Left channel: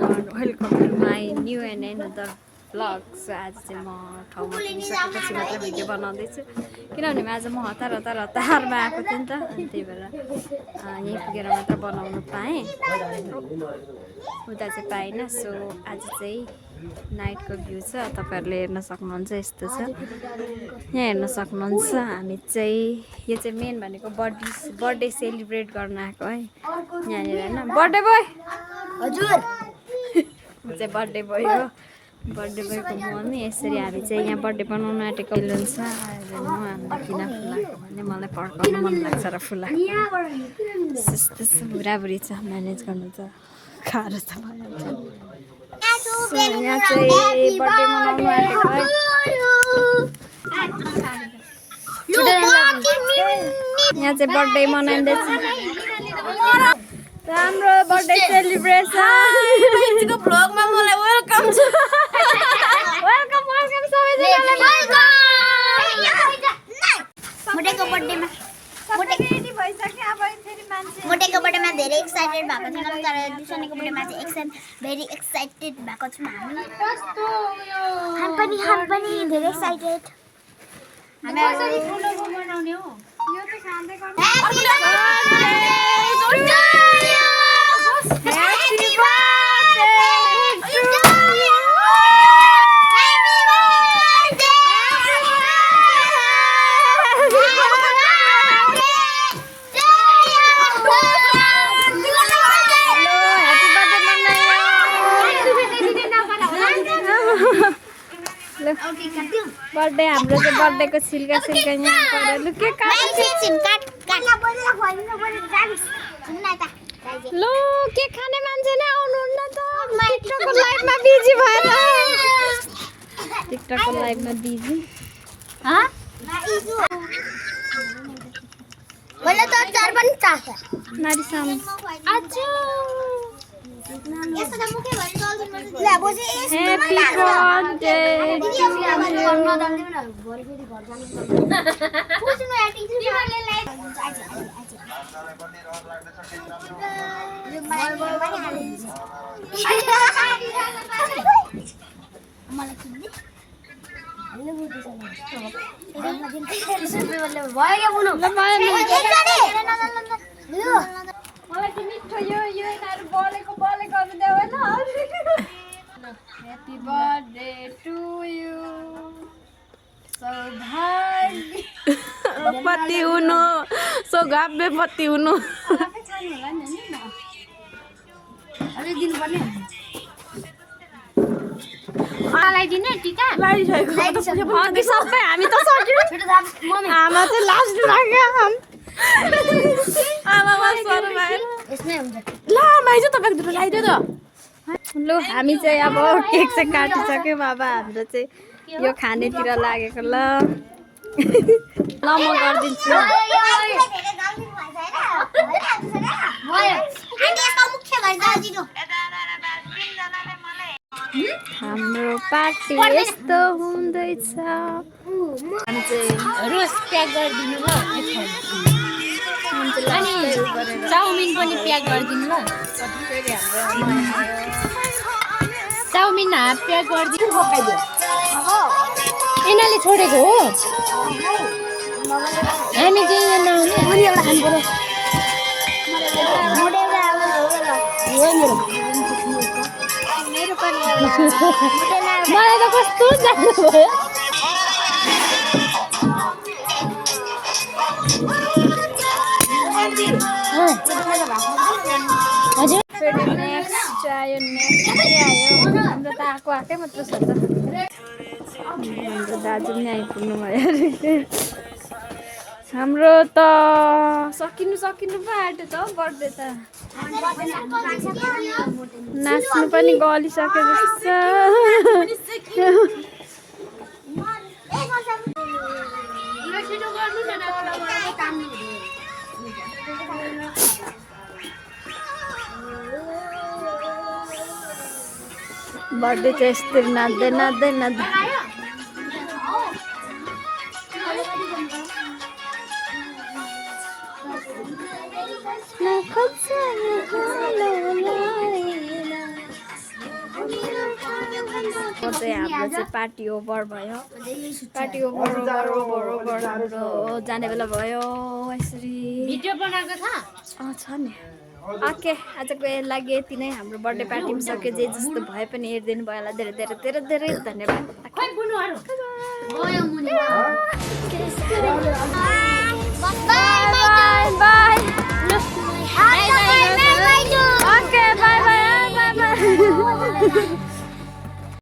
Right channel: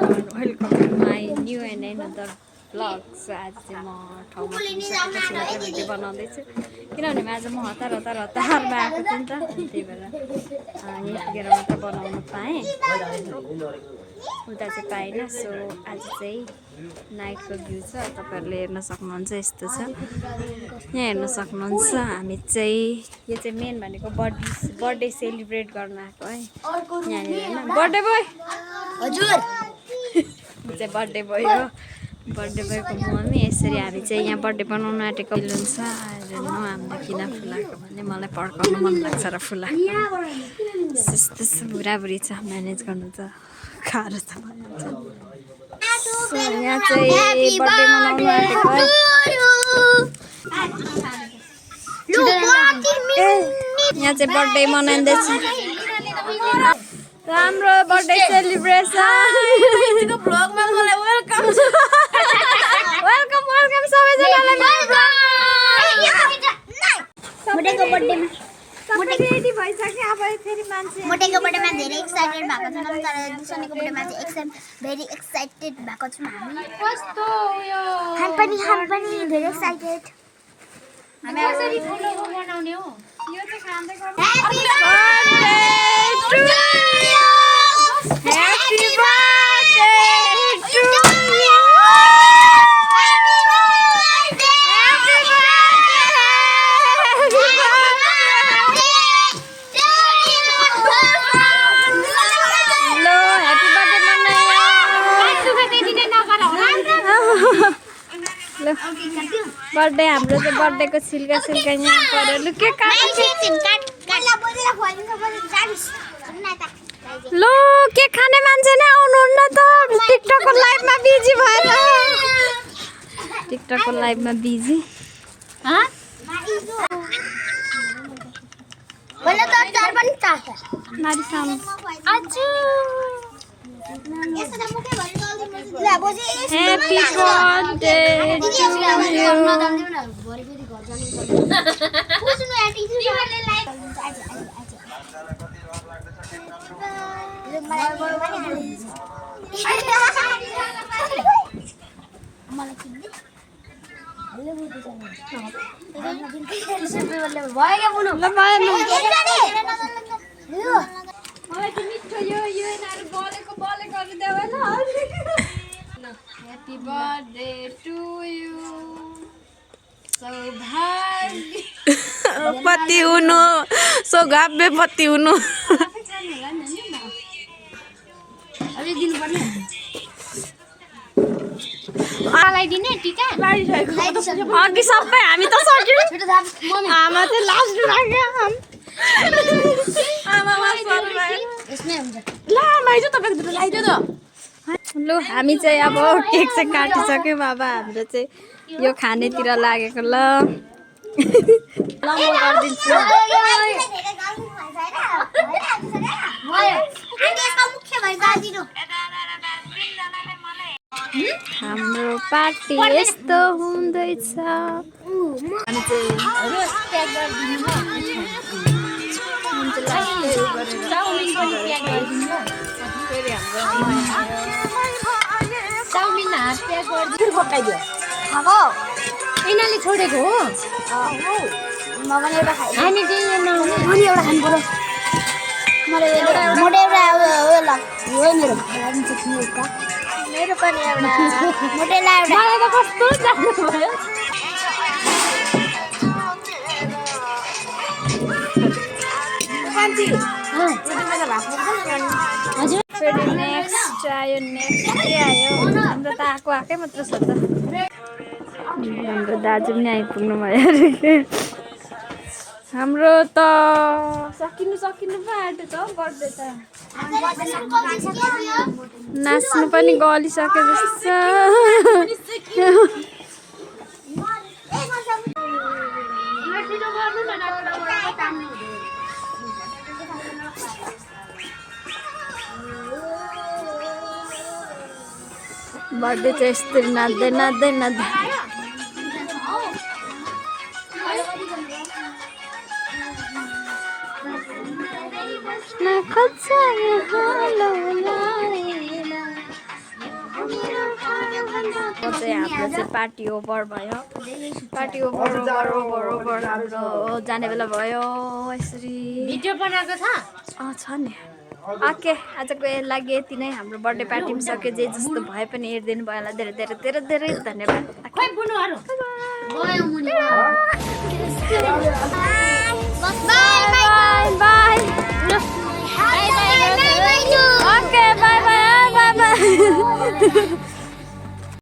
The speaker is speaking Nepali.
Everyone welcome to my new and another vlog. So आज चाहिँ म ठाउँमा पुगिसकेपछि मात्र भिडियो बनाउँदैछु किनभने आज म हतारमा आएको थिएँ नि त, अनि त्यही भएर यहीँ पुगेर मात्र बनाउनु पाएँ, उता चाहिँ पाइनँ। सो आज चाहिँ नाइटको भ्यू छ, तपाईँहरूले हेर्न सक्नुहुन्छ, यस्तो छ, यहाँ हेर्न सक्नुहुन्छ। हामी चाहिँ यो चाहिँ मेन भनेको बर्थडे सेलिब्रेट गर्न आएको है यहाँनिर होइन। बर्थडे बोय हजुर चाहिँ बर्थडे बोय हो, बर्थडे बोयको मम्मी। यसरी हामी चाहिँ यहाँ बर्थडे बनाउनु आँटेको हुन्छ। हेर्नु हामीलाई किन फुलाएको भने मलाई पड्काउनु मन लाग्छ र फुलाएको त्यस्तो बुढाबुढी छ, म्यानेज गर्नु त गाह्रो त भइहाल्छ। यहाँ चाहिँ बर्थडे मनाउनु आँटेको है। यहाँ चाहिँ बर्थडे मनाइँदैछ, राम्रो बर्थडे सेलिब्रेसन भ्लगमा मलाई वेलकम छ। वेलकम वेलकम सबैजनालाई। मोटेको बर्थडेमा रेडी भइसक्यो अब फेरि मान्छे। मोटेको बर्थडेमा धेरै एक्साइटेड भएको छौँ, तर दिसनेको बर्थडेमा चाहिँ भेरी एक्साइटेड भएको छौँ हामी। हम पनि धेरै एक्साइटेड। हामी कसरी ठुलो बनाउने हो? यो चाहिँ खाँदै गर्नु। Happy birthday to you. Birthday हाम्रो चाहिँ बर्थडेको छिल्का यहाँ पऱ्यो। लु के लु के खाने मान्छे नै आउनुहुन्न त, टिकटकको लाइभमा बिजी भएर। टिकटकको लाइभमा busy Happy birthday to you. Happy birthday to you. सौभाग्य पति हुनु, सौभाग्य पति हुनु। अघि सबै हामी त सक्यौँ, आमा चाहिँ लास्ट लाग्यो। लु हामी चाहिँ अब केक चाहिँ काटिसक्यौँ। अब हाम्रो चाहिँ यो खानेतिर लागेको। ल ल म गरिदिन्छु। हाम्रो पार्टी यस्तो हुँदैछ। हामी चाहिँ चाउमिन पनि प्याक गरिदिनु ल। फेरि हाम्रो नयाँ चाउमिन हाफ प्याक गरिदिनु पकाइदियो। यिनीहरूले छोडेको हो, हामी चाहिँ नआउने। अनि एउटा खानु पर्यो। मेरो पनि एउटा मलाई त कस्तो जानु भयो। हजुर फेरि नेक्स्ट आयो। नेक्स्ट के आयो? हाम्रो त आएकै मात्र छ त। हाम्रो दाजु पनि आइपुग्नु भयो अरे। हाम्रो त सकिनु पो आँट्यो त बर्थडे त। नाच्नु पनि गलिसक्यो जस्तो छ। बर्थडे चाहिँ यस्तरी नाच्दै चाहिँ हाम्रो चाहिँ पार्टी ओभर भयो पार्टी ओभर हाम्रो जाने बेला भयो यसरी भिडियो बनाएको छ छ नि ओके आजको लागि यति नै हाम्रो बर्थडे पार्टी पनि सक्यो जे जस्तो भए पनि हेरिदिनु भयो होला धेरै धेरै धेरै धेरै धन्यवाद खोइ बुनुहरु गयो मुनि